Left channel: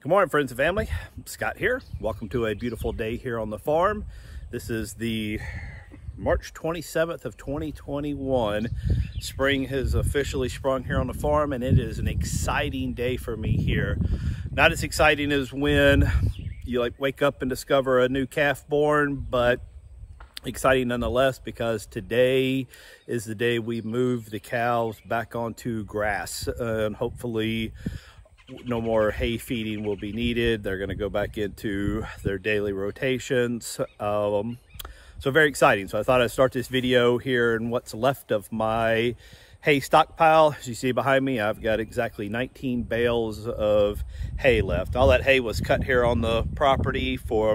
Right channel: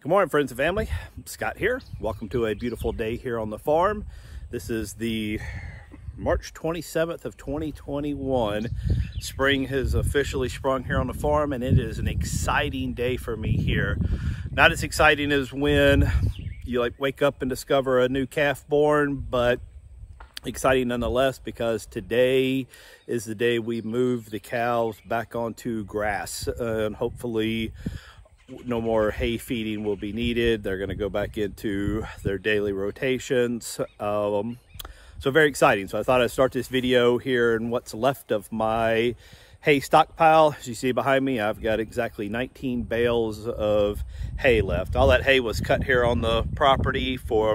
Good morning, friends and family. Scott here. Welcome to a beautiful day here on the farm. This is the March 27th of 2021. Spring has officially sprung here on the farm, and it is an exciting day for me here. Not as exciting as when you wake up and discover a new calf born, but exciting nonetheless, because today is the day we move the cows back onto grass, and hopefully no more hay feeding will be needed. They're going to go back into their daily rotations. So very exciting. So I thought I'd start this video here in what's left of my hay stockpile. As you see behind me, I've got exactly 19 bales of hay left. All that hay was cut here on the property. For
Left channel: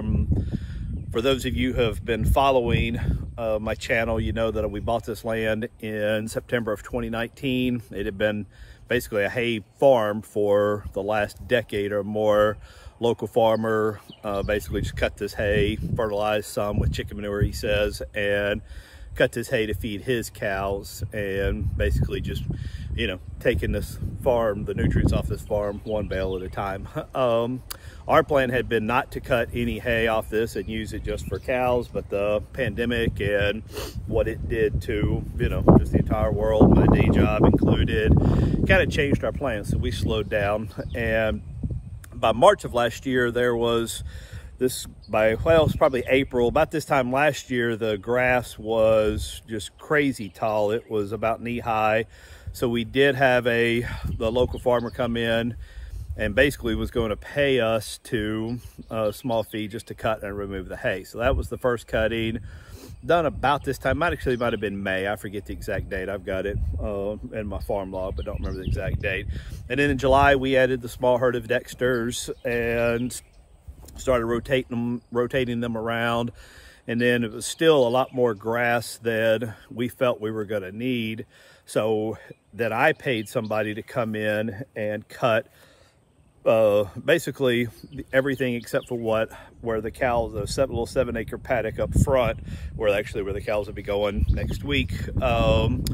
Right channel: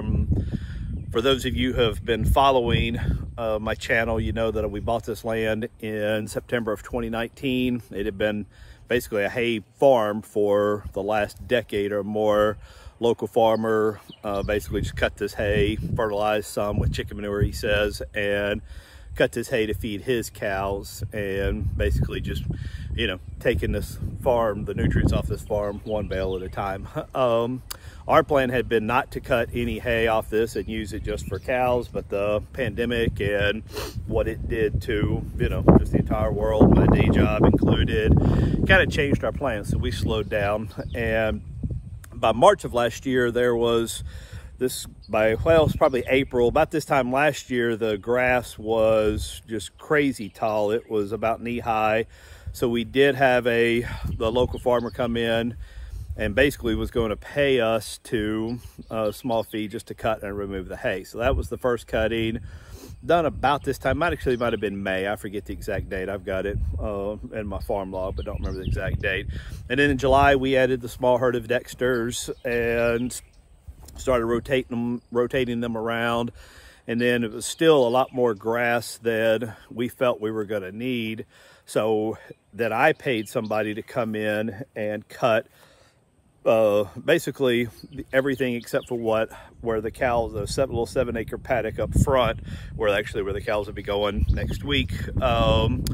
those of you who have been following my channel, you know that we bought this land in September of 2019. It had been basically a hay farm for the last decade or more. Local farmer basically just cut this hay, fertilized some with chicken manure, he says, and cut this hay to feed his cows, and basically just, you know, taking this farm, the nutrients off this farm one bale at a time. Our plan had been not to cut any hay off this and use it just for cows, but the pandemic and what it did to, you know, just the entire world, my day job included, kind of changed our plans. So we slowed down, and by March of last year, there was this, well, it's probably April, about this time last year, the grass was just crazy tall. It was about knee high. So we did have the local farmer come in and basically was going to pay us to a small fee just to cut and remove the hay. So that was the first cutting, done about this time. Might have been May. I forget the exact date. I've got it in my farm log, but don't remember the exact date. And then in July, we added the small herd of Dexters and started rotating them around. And then it was still a lot more grass than we felt we were going to need. So that I paid somebody to come in and cut basically everything except for where the cows, a little 7-acre paddock up front, where the cows will be going next week. And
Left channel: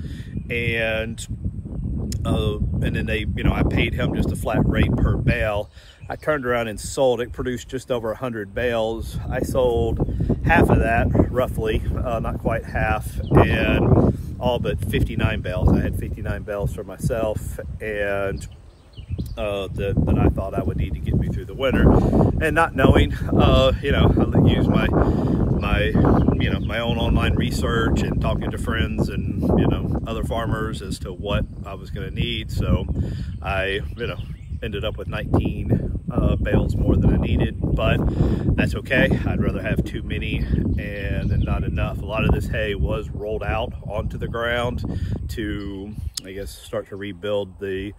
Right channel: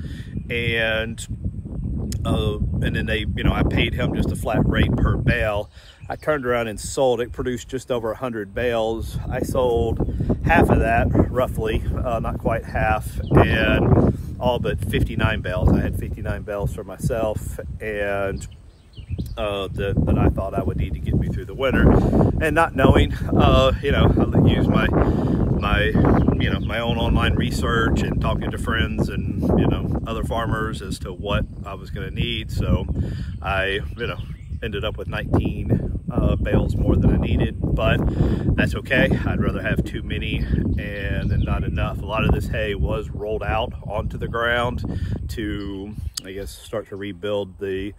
then they, you know, I paid him just a flat rate per bale. I turned around and sold it, produced just over 100 bales. I sold half of that, roughly, not quite half, and all but 59 bales. I had 59 bales for myself, and that I thought I would need to get me through the winter. And not knowing, you know, I use my own online research and talking to friends and, you know, other farmers as to what I was going to need. So I, you know, ended up with 19 bales more than I needed, but that's okay. I'd rather have too many and not enough. A lot of this hay was rolled out onto the ground to, I guess, start to rebuild these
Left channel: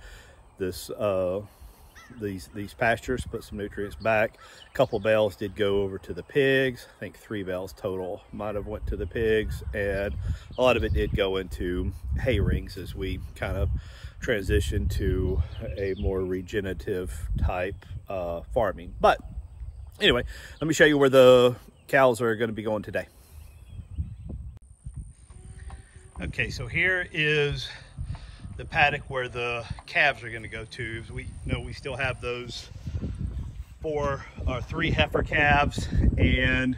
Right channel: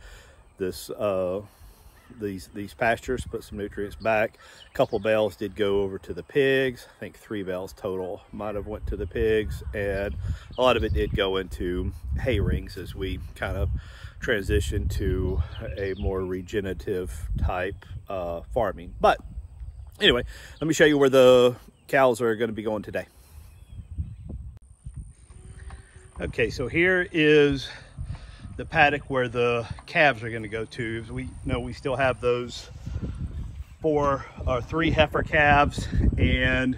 pastures, put some nutrients back. A couple bales did go over to the pigs. I think 3 bales total might have went to the pigs, and a lot of it did go into hay rings as we kind of transition to a more regenerative type farming. But anyway, let me show you where the cows are going to be going today. Okay, so here is the paddock where the calves are going to go to. As we know, we still have those 3 heifer calves and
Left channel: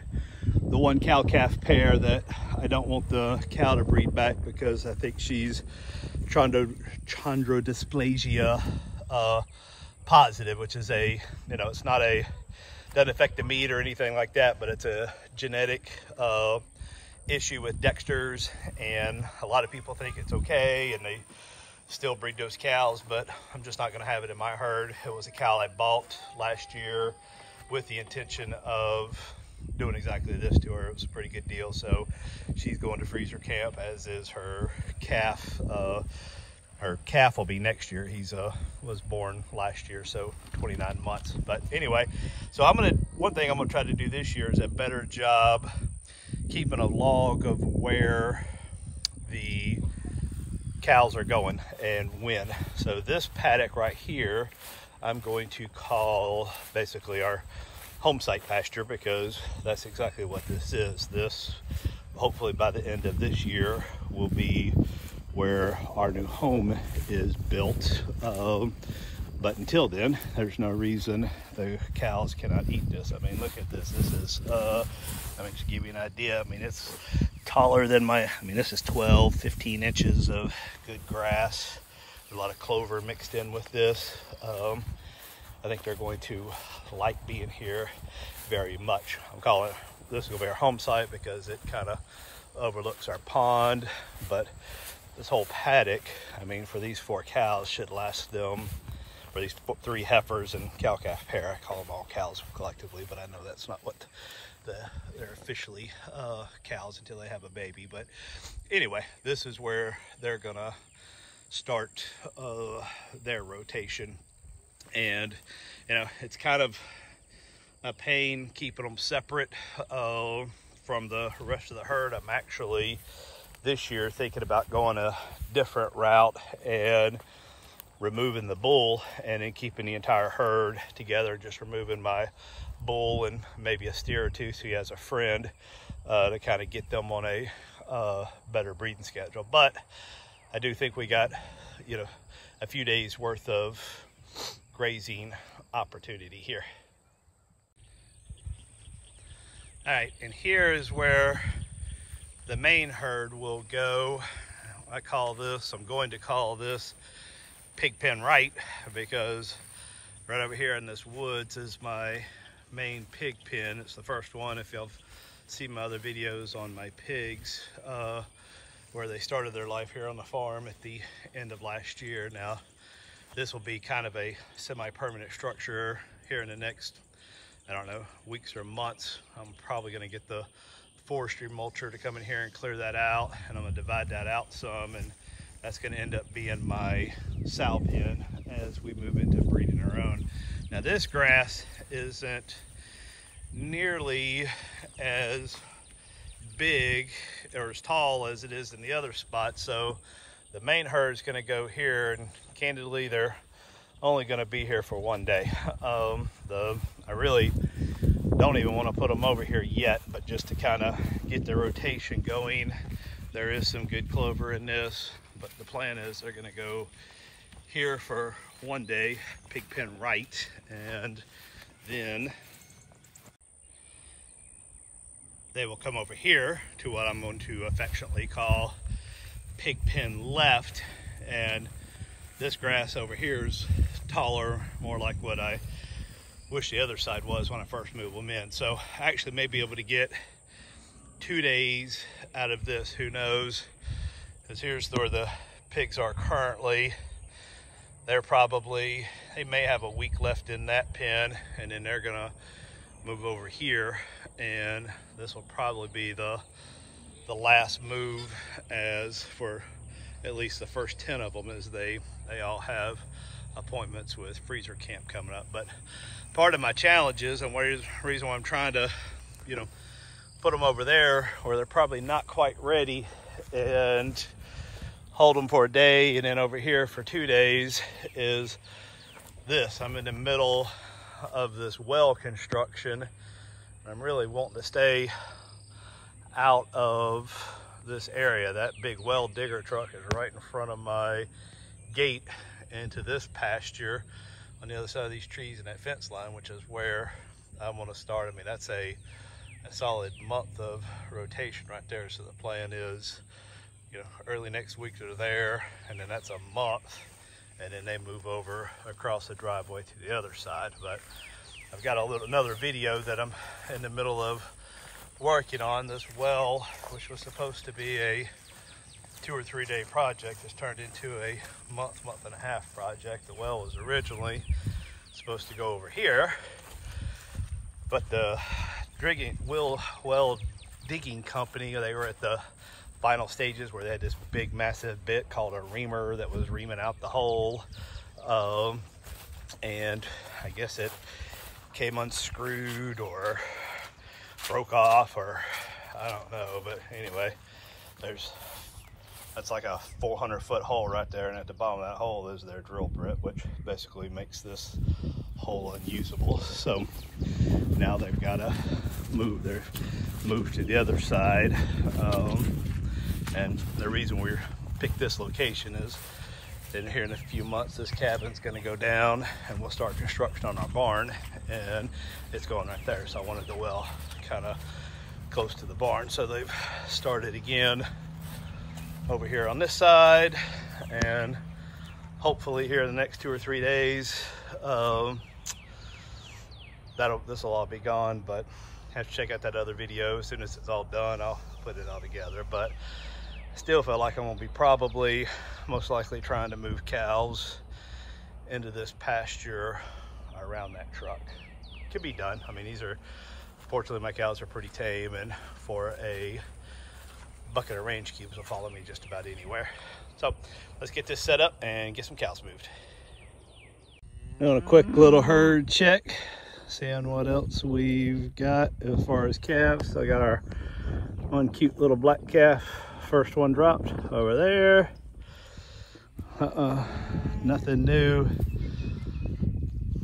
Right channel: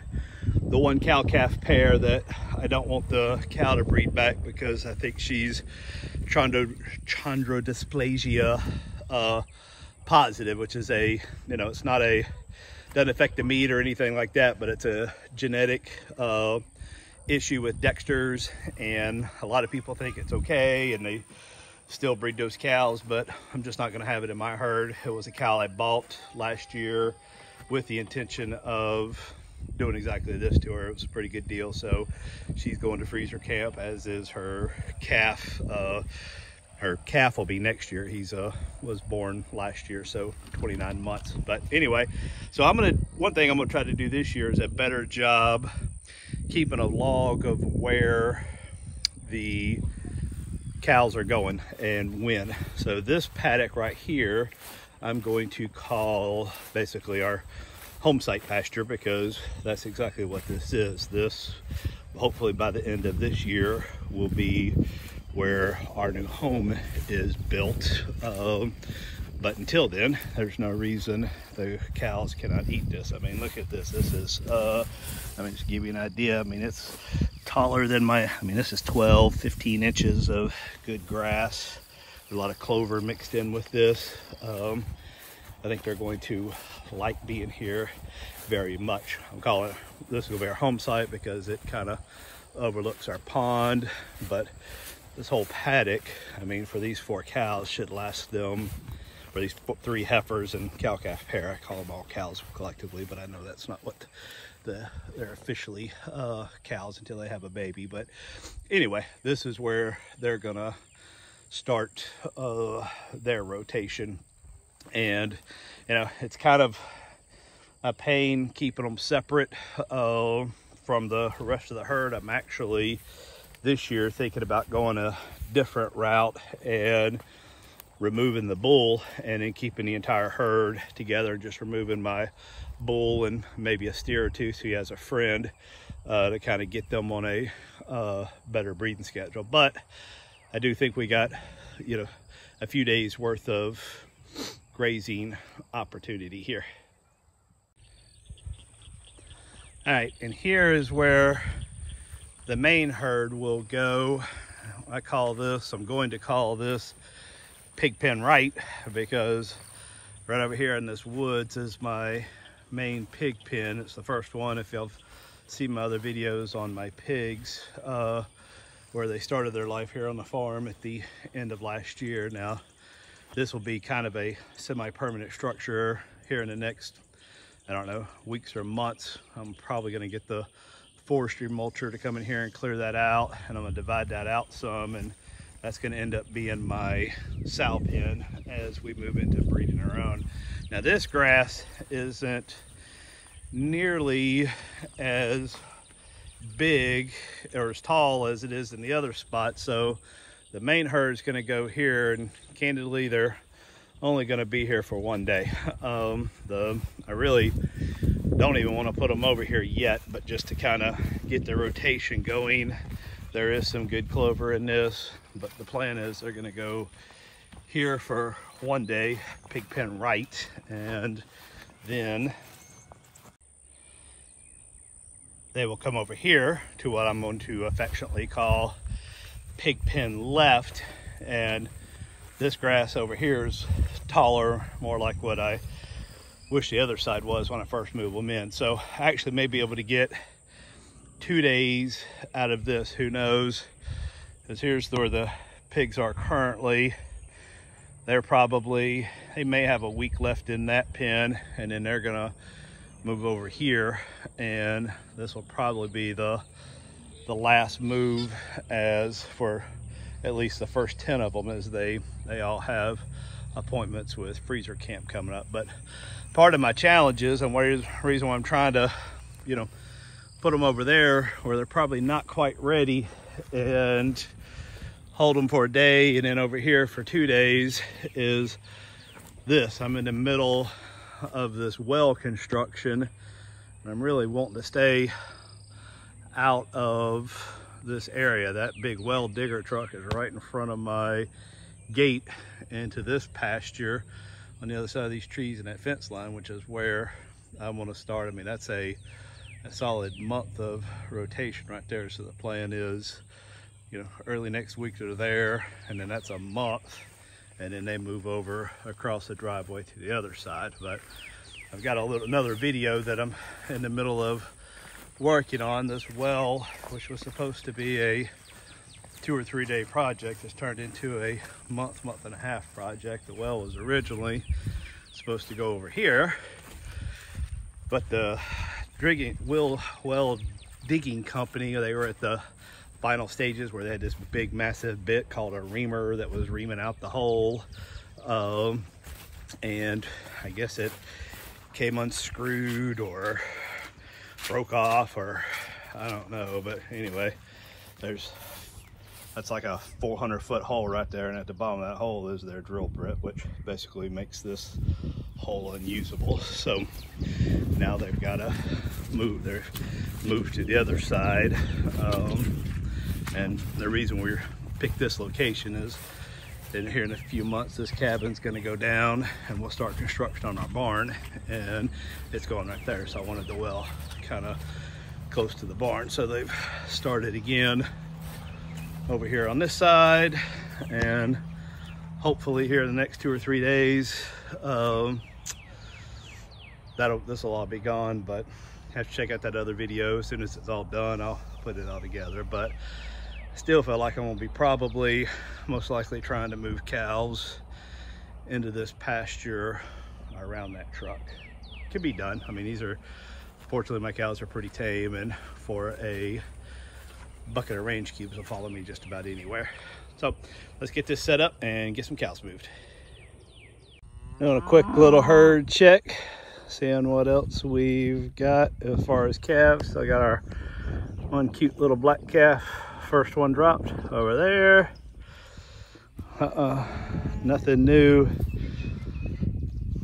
the 1 cow-calf pair that I don't want the cow to breed back because I think she's chondrodysplasia positive, which is a, you know, it's not doesn't affect the meat or anything like that, but it's a genetic issue with Dexters, and a lot of people think it's okay and they still breed those cows, but I'm just not going to have it in my herd. It was a cow I bought last year with the intention of doing exactly this to her. It was a pretty good deal. So she's going to freezer camp, as is her calf. Her calf will be next year. He's was born last year, so 29 months. But anyway, so one thing I'm gonna try to do this year is a better job keeping a log of where the cows are going and when. So this paddock right here, I'm going to call basically our home site pasture, because that's exactly what this is. This, hopefully by the end of this year, will be where our new home is built. But until then, there's no reason the cows cannot eat this. I mean, look at this. This is, I mean, just to give you an idea, I mean, it's taller than this is 12, 15 inches of good grass. There's a lot of clover mixed in with this. I think they're going to like being here very much. I'm calling this will be our home site because it kind of overlooks our pond, but this whole paddock, I mean, for these 4 cows should last them, or these 3 heifers and cow-calf pair. I call them all cows collectively, but I know that's not what they're officially cows until they have a baby. But anyway, this is where they're gonna start their rotation. And you know, it's kind of a pain keeping them separate from the rest of the herd. I'm actually this year thinking about going a different route and removing the bull and then keeping the entire herd together, just removing my bull and maybe a steer or two so he has a friend to kind of get them on a better breeding schedule. But I do think we got, you know, a few days worth of grazing opportunity here. All right, and here is where the main herd will go. I'm going to call this pig pen right, because right over here in this woods is my main pig pen. It's the first one, if you'll see my other videos on my pigs, where they started their life here on the farm at the end of last year. Now, this will be kind of a semi-permanent structure here in the next, I don't know, weeks or months. I'm probably gonna get the forestry mulcher to come in here and clear that out, and I'm gonna divide that out some, and that's gonna end up being my sow pen as we move into breeding our own. Now this grass isn't nearly as big or as tall as it is in the other spot, so the main herd is going to go here, and candidly they're only going to be here for one day. I really don't even want to put them over here yet, but just to kind of get the rotation going. There is some good clover in this, but the plan is they're going to go here for one day, pig pen right, and then they will come over here to what I'm going to affectionately call pig pen left. And this grass over here is taller, more like what I wish the other side was when I first moved them in. So I actually may be able to get 2 days out of this, who knows, because here's where the pigs are currently. They may have a week left in that pen, and then they're gonna move over here, and this will probably be the last move, as for at least the first 10 of them, as they all have appointments with freezer camp coming up. But part of my challenge is, and the reason why I'm trying to, you know, put them over there where they're probably not quite ready, and hold them for a day, and then over here for 2 days, is this. I'm in the middle of this well construction, and I'm really wanting to stay out of this area. That big well digger truck is right in front of my gate into this pasture on the other side of these trees and that fence line, which is where I want to start. I mean, that's a solid month of rotation right there. So the plan is, you know, early next week they're there, and then that's a month, and then they move over across the driveway to the other side. But I've got another video that I'm in the middle of working on. This well, which was supposed to be a 2 or 3 day project, has turned into a month and a half project. The well was originally supposed to go over here, but the well digging company, they were at the final stages where they had this big massive bit called a reamer that was reaming out the hole, and I guess it came unscrewed or broke off, or I don't know. But anyway, that's like a 400-foot hole right there, and at the bottom of that hole is their drill bit, which basically makes this hole unusable. So now they've got to move to the other side, and the reason we picked this location is Then here in a few months, this cabin's gonna go down and we'll start construction on our barn, and it's going right there. So I wanted the well kind of close to the barn. So they've started again over here on this side, and hopefully here in the next 2 or 3 days, this will all be gone, but have to check out that other video. As soon as it's all done, I'll put it all together. But still feel like I'm gonna be probably most likely trying to move cows into this pasture around that truck. Can be done. I mean, fortunately my cows are pretty tame, and for a bucket of range cubes will follow me just about anywhere. So let's get this set up and get some cows moved. Doing a quick little herd check, seeing what else we've got as far as calves. So I got our one cute little black calf, first one dropped over there. Nothing new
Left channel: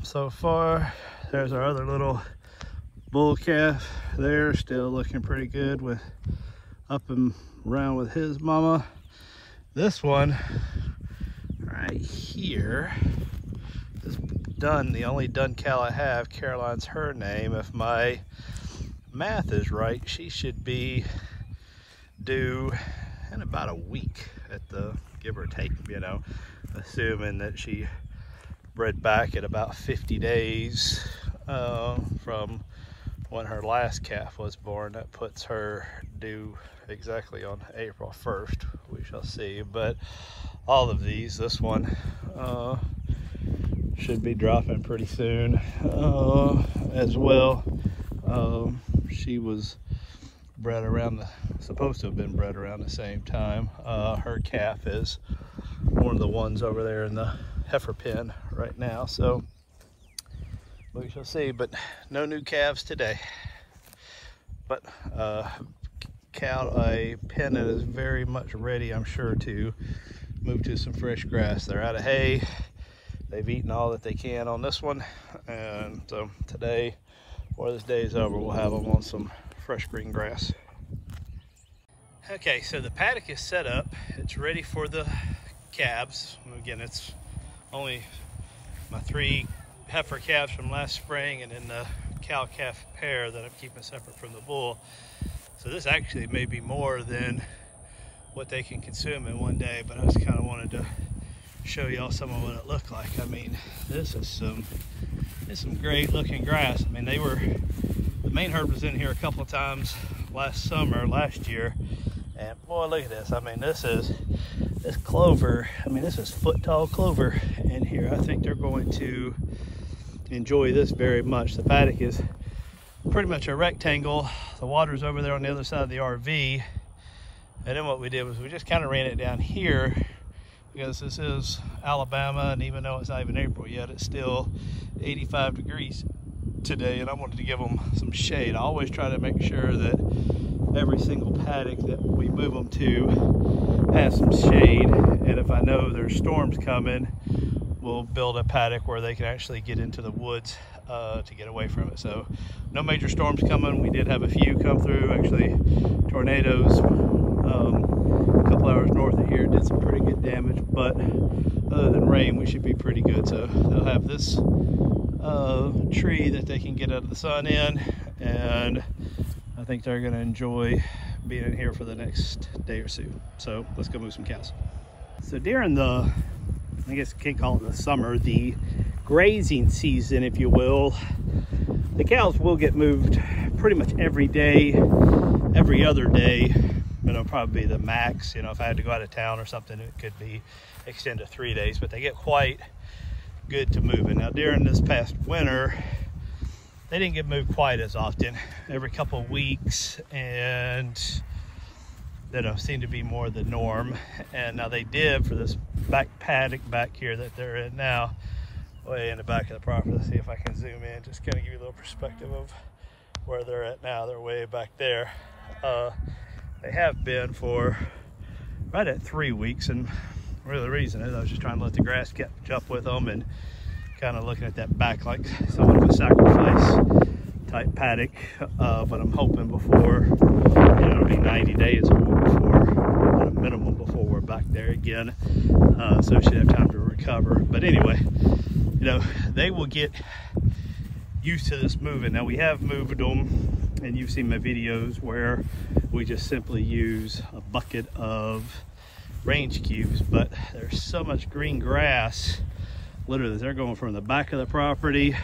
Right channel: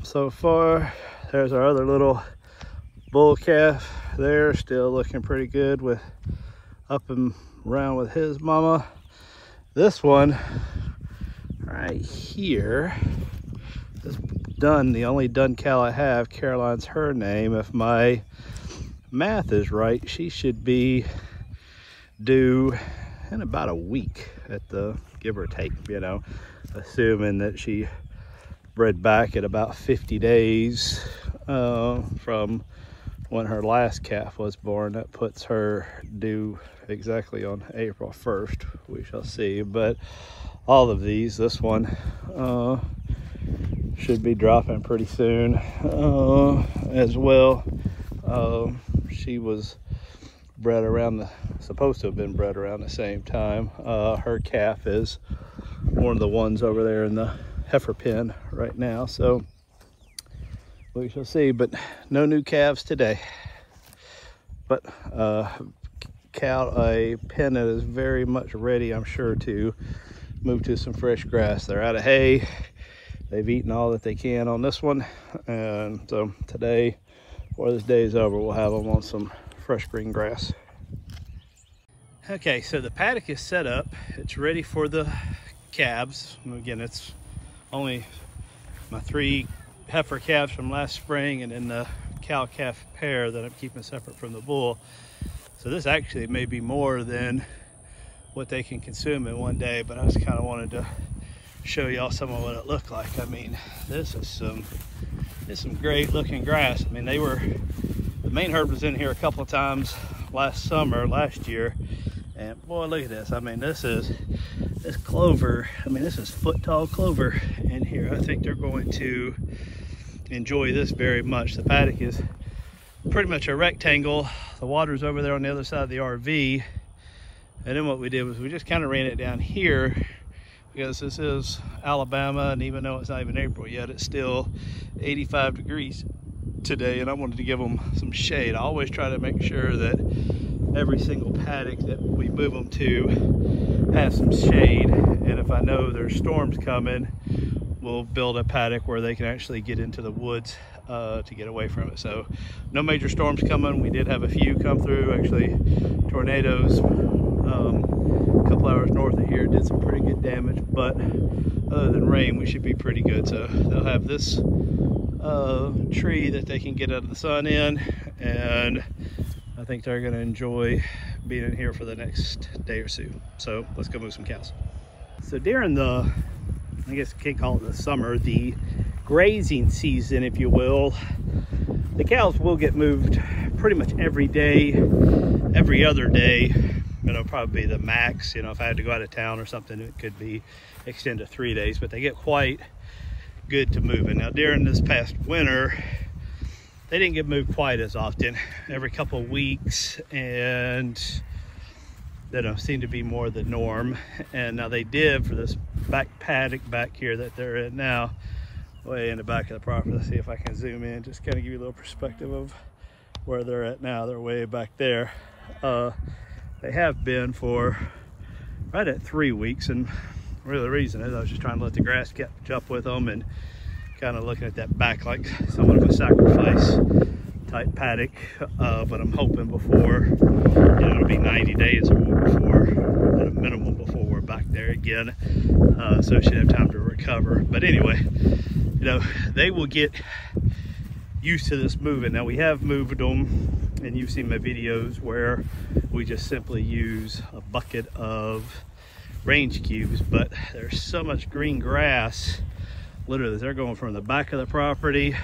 so far. There's our other little bull calf there, still looking pretty good with up and around with his mama. This one right here is done, the only done cow I have. Caroline's her name. If my math is right, she should be due in about a week at the give or take, you know, assuming that she bred back at about 50 days from when her last calf was born. That puts her due exactly on April 1st. We shall see. But all of these, this one should be dropping pretty soon as well. She was bred around supposed to have been bred around the same time. Her calf is one of the ones over there in the heifer pen right now, so we shall see. But no new calves today, but a pen that is very much ready, I'm sure, to move to some fresh grass. They're out of hay. They've eaten all that they can on this one, and so today, before this day is over, we'll have them on some fresh green grass. Okay, so the paddock is set up. It's ready for the calves. Again, it's only my 3 heifer calves from last spring, and then the cow-calf pair that I'm keeping separate from the bull. So this actually may be more than what they can consume in one day, but I just kind of wanted to show y'all some of what it looked like. I mean, this is some great looking grass. I mean, the main herd was in here a couple of times last year, and boy, look at this. I mean, this clover, I mean, this is foot-tall clover in here. I think they're going to enjoy this very much. The paddock is pretty much a rectangle. The water's over there on the other side of the RV, and then what we did was we just kind of ran it down here, because this is Alabama, and even though it's not even April yet, it's still 85 degrees today, and I wanted to give them some shade. I always try to make sure that every single paddock that we move them to has some shade, and if I know there's storms coming, we'll build a paddock where they can actually get into the woods to get away from it. So no major storms coming. We did have a few come through, actually tornadoes a couple hours north of here did some pretty good damage, but other than rain, we should be pretty good. So they'll have this tree that they can get out of the sun in, and I think they're going to enjoy being in here for the next day or two. So let's go move some cows. So during the, I guess you can't call it the summer, the grazing season, if you will, the cows will get moved pretty much every day, every other day. It'll probably be the max. You know, if I had to go out of town or something, it could be extended to 3 days, but they get quite good to moving. Now during this past winter, they didn't get moved quite as often, every couple of weeks, and that seemed to be more the norm. And now they did for this back paddock back here that they're in now, way in the back of the property. Let's see if I can zoom in, just kind of give you a little perspective of where they're at now. They're way back there. They have been for right at 3 weeks, and really the reason is I was just trying to let the grass catch up with them and kind of looking at that back like someone would sacrifice type paddock, but I'm hoping before, it'll be 90 days or more before, at a minimum, before we're back there again. So she'll have time to recover. But anyway, they will get used to this moving. Now we have moved them, and you've seen my videos where we just simply use a bucket of range cubes, but there's so much green grass. Literally, they're going from the back of the property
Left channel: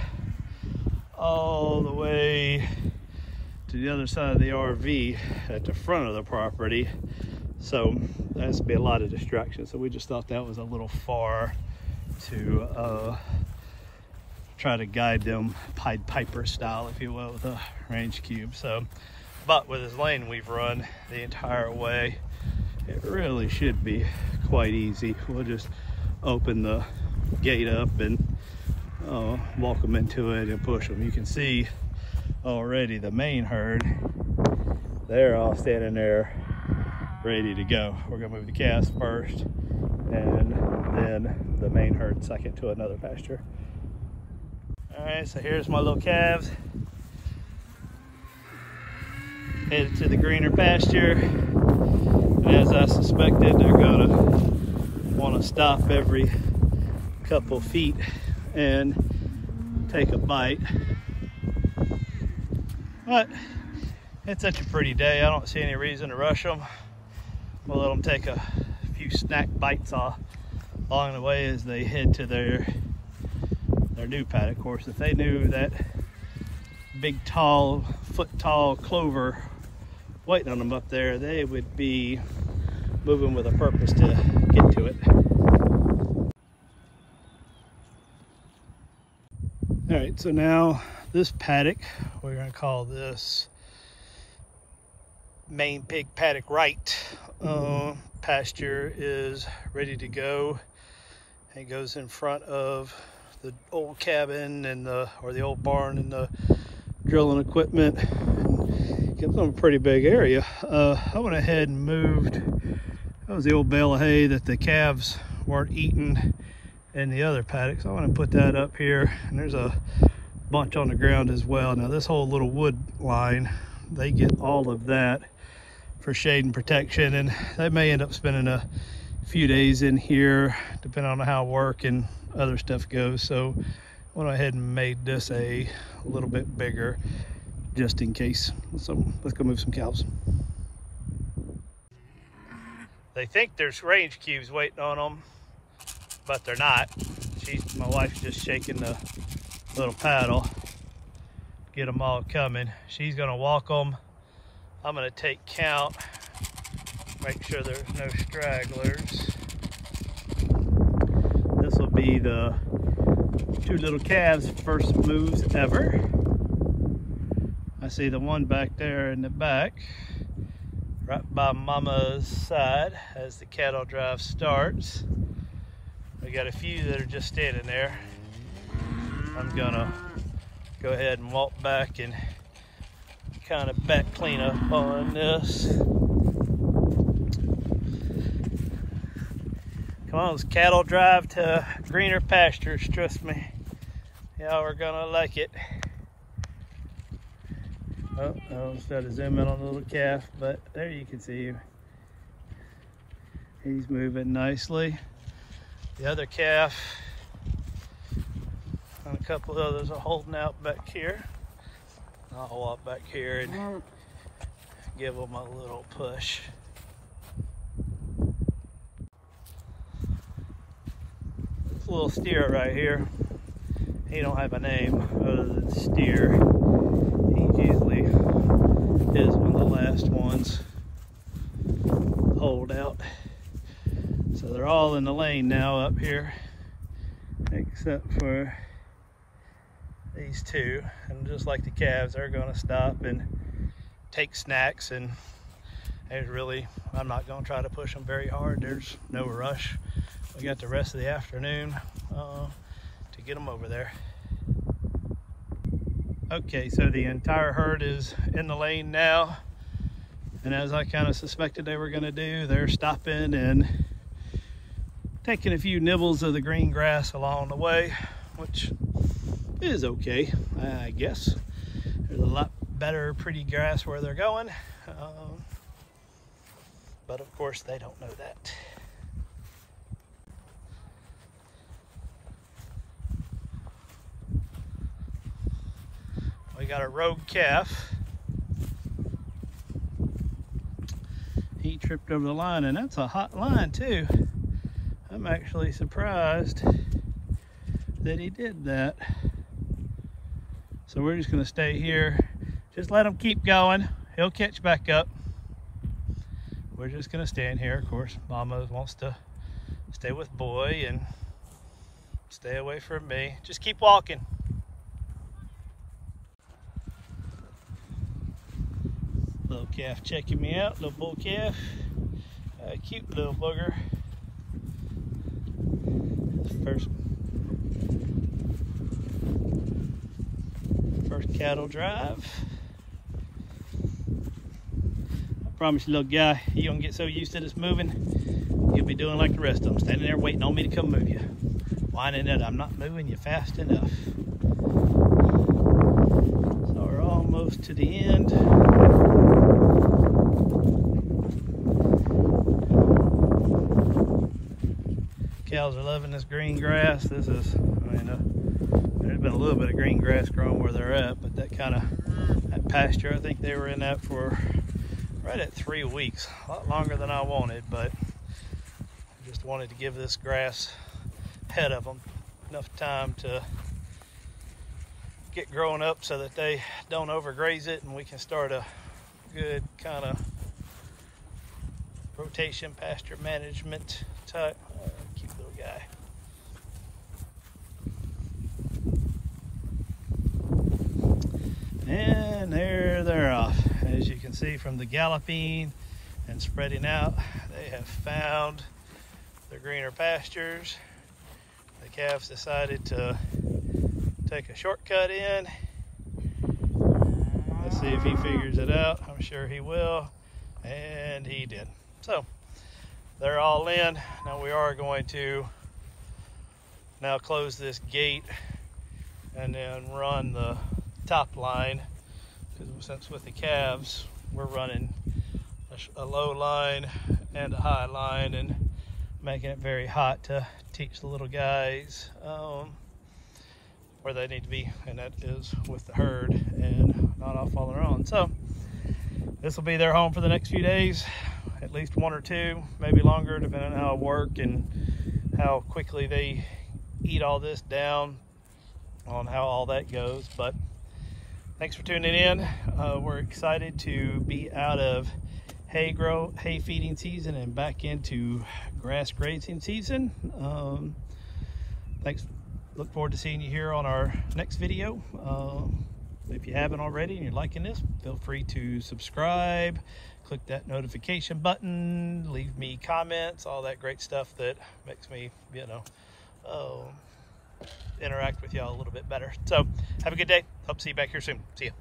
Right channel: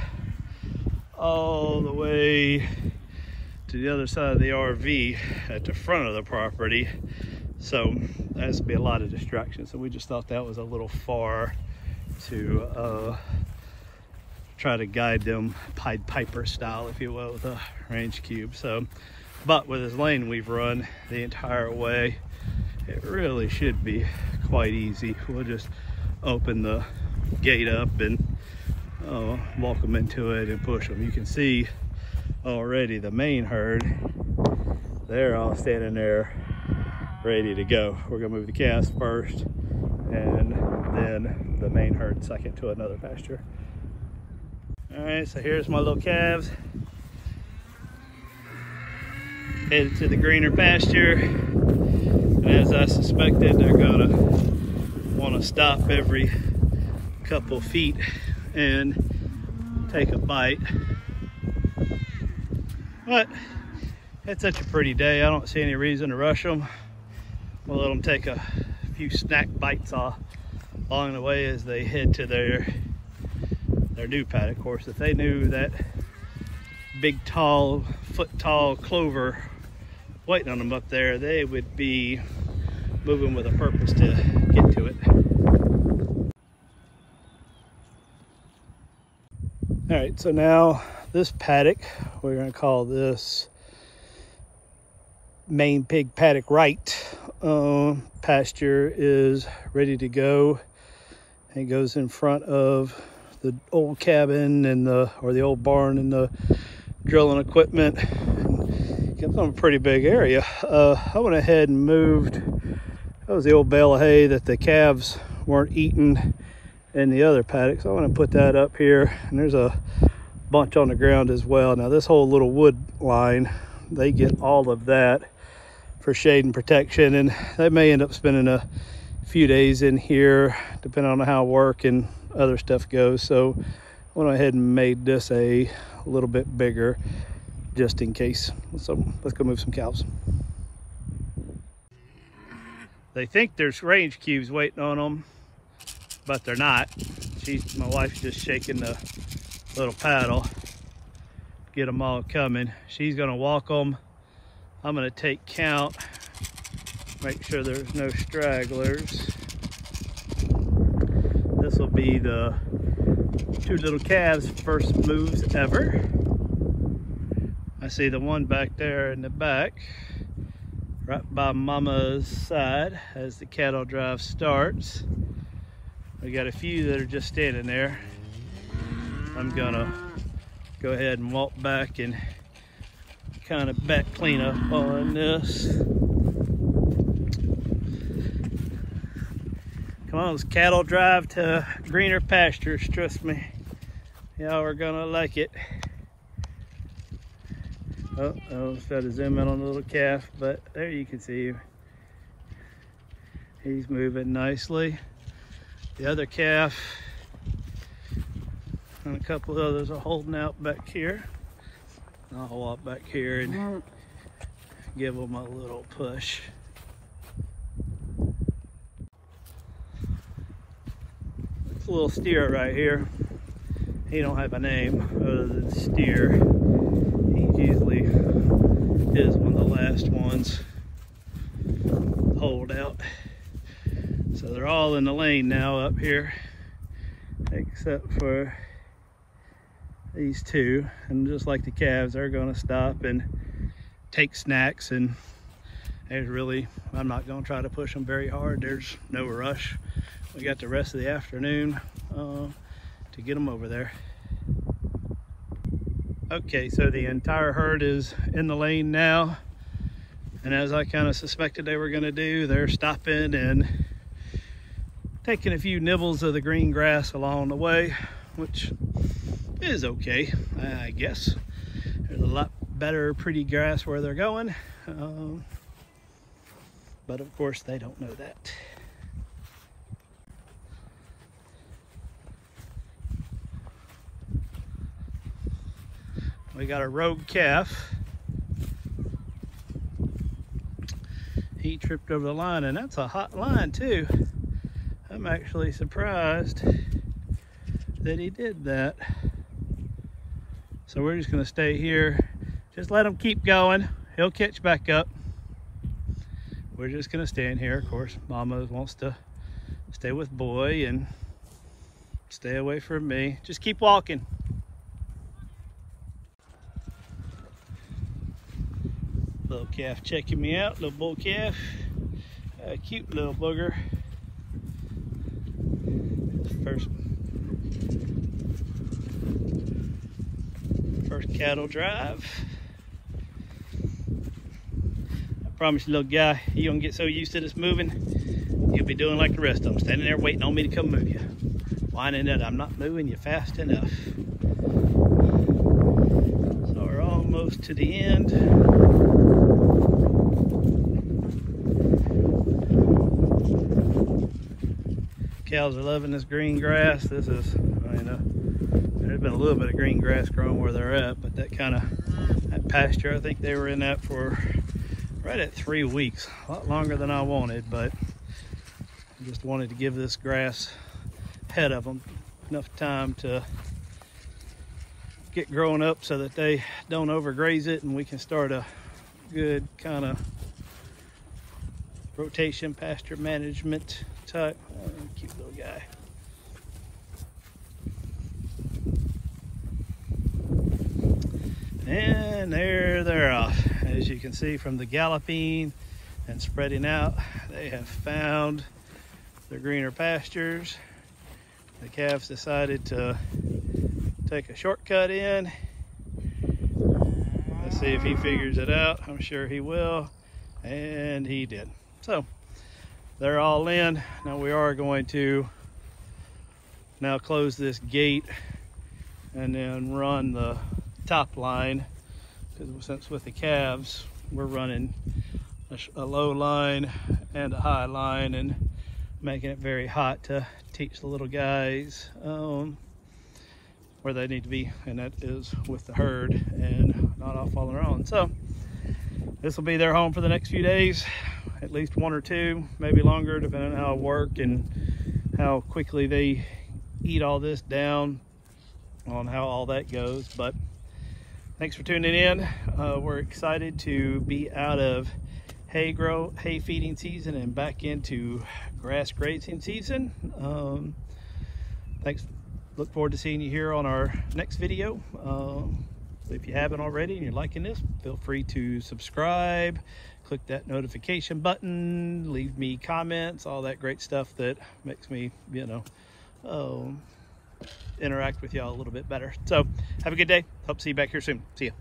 all the way to the other side of the RV at the front of the property. So that has to be a lot of distraction. So we just thought that was a little far to try to guide them Pied Piper style, if you will, with a range cube. So, but with this lane we've run the entire way, it really should be quite easy. We'll just open the gate up and walk them into it and push them. You can see already the main herd, they're all standing there ready to go. We're gonna move the calves first and then the main herd second to another pasture. All right, so here's my little calves. Headed to the greener pasture. As I suspected, they're gonna want to stop every couple feet and take a bite. But it's such a pretty day, I don't see any reason to rush them. We'll let them take a few snack bites off along the way as they head to their new paddock. Of course, if they knew that big, tall, foot-tall clover waiting on them up there, they would be moving with a purpose to get to it. All right, so now this paddock, we're gonna call this main pig paddock right. Pasture is ready to go. It goes in front of the old cabin and the old barn and the drilling equipment. It's on a pretty big area. I went ahead and moved, that was the old bale of hay that the calves weren't eating in the other paddock. So I want to put that up here, and there's a bunch on the ground as well. Now this whole little wood line, they get all of that for shade and protection, and they may end up spending a few days in here depending on how work and other stuff goes. So I went ahead and made this a little bit bigger just in case. So let's go move some cows. They think there's range cubes waiting on them, but they're not. My wife's just shaking the little paddle, get them all coming. She's gonna walk them. I'm gonna take count, make sure there's no stragglers. This will be the two little calves' first moves ever. I see the one back there in the back, right by Mama's side as the cattle drive starts. We got a few that are just standing there. I'm gonna go ahead and walk back and kind of back clean up on this. Come on, it's cattle drive to greener pastures, trust me. Y'all are gonna like it. Oh, I almost tried to zoom in on the little calf, but there you can see him. He's moving nicely. The other calf and a couple others are holding out back here. I'll walk back here and give them a little push. This little steer right here, he don't have a name other than Steer. He usually is one of the last ones hold out. So they're all in the lane now up here, except for these two. And just like the calves, they're gonna stop and take snacks, and there's really, I'm not gonna try to push them very hard. There's no rush. We got the rest of the afternoon to get them over there. Okay, so the entire herd is in the lane now, and as I kind of suspected they were gonna do, they're stopping and taking a few nibbles of the green grass along the way, which is okay, I guess. There's a lot better, pretty grass where they're going. But of course they don't know that. We got a rogue calf. He tripped over the line, and that's a hot line too. I'm actually surprised that he did that. So we're just gonna stay here. Just let him keep going. He'll catch back up. We're just gonna stand here. Of course, Mama wants to stay with Boy and stay away from me. Just keep walking. Little calf checking me out, little bull calf. Cute little booger. First cattle drive. I promise you, little guy, you're gonna get so used to this moving, you'll be doing like the rest of them, standing there waiting on me to come move you. Whining that I'm not moving you fast enough. So we're almost to the end. Cows are loving this green grass. This is, there's been a little bit of green grass growing where they're at, but that pasture, I think they were in that for right at 3 weeks, a lot longer than I wanted, but I just wanted to give this grass ahead of them enough time to get growing up so that they don't overgraze it, and we can start a good kind of rotation pasture management type. Cute little guy. And there they're off. As you can see from the galloping and spreading out, they have found the greener pastures. The calf's decided to take a shortcut in. Let's see if he figures it out. I'm sure he will. And he did. So they're all in. Now we are going to now close this gate and then run the top line, because since with the calves we're running a low line and a high line and making it very hot to teach the little guys where they need to be, and that is with the herd and not off on their own. So this will be their home for the next few days, at least 1 or 2, maybe longer, depending on how it works and how quickly they eat all this down, on how all that goes. But thanks for tuning in. We're excited to be out of hay feeding season and back into grass grazing season. Thanks. Look forward to seeing you here on our next video. If you haven't already and you're liking this, feel free to subscribe, click that notification button, leave me comments, all that great stuff that makes me, interact with y'all a little bit better. So have a good day. Hope to see you back here soon. See ya.